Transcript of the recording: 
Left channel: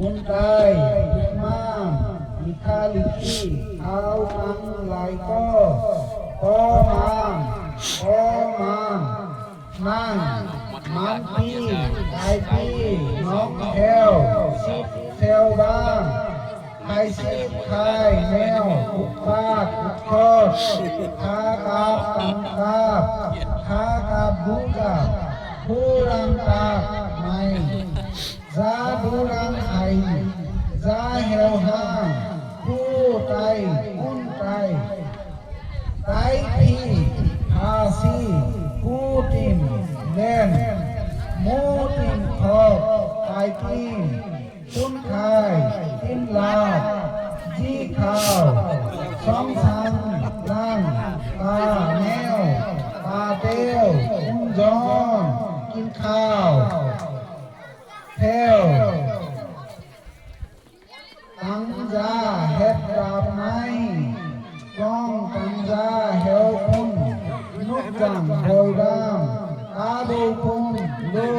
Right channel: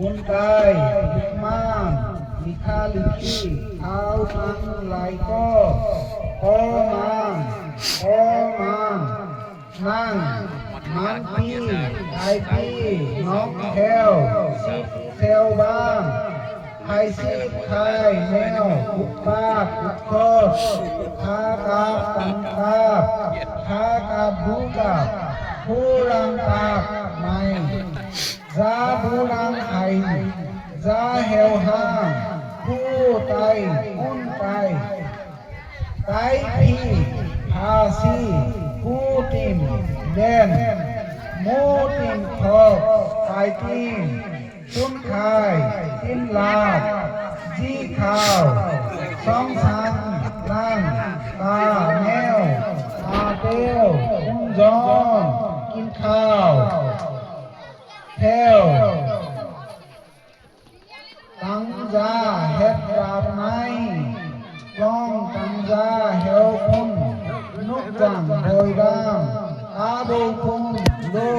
คุณกายบุกมางมีคาลิกีเอาทังไหลก็พอมางนั่งมันปีไอปีน้องแถวสิบแถวบ้างไทยสิบไทยแนวบุกบ้าบุกคอดคากาบตังคาบคากาบบุกาผู้รังตาไม่ซาบุรังไอซาเฮลฮางผู้ไตอุ้นไตไตพีอาซีผู้ติมเดนโมติมคอไตพีตุนไทยอินลาจีขาวสองสันลังตาแนวอาเตียวอุ้มจอนกินข้าวเทวตังจาเฮ็ดดาบไม้ก้องตังจาเฮวพุ่งนุกจังโดยดามตาดูพุ่งดู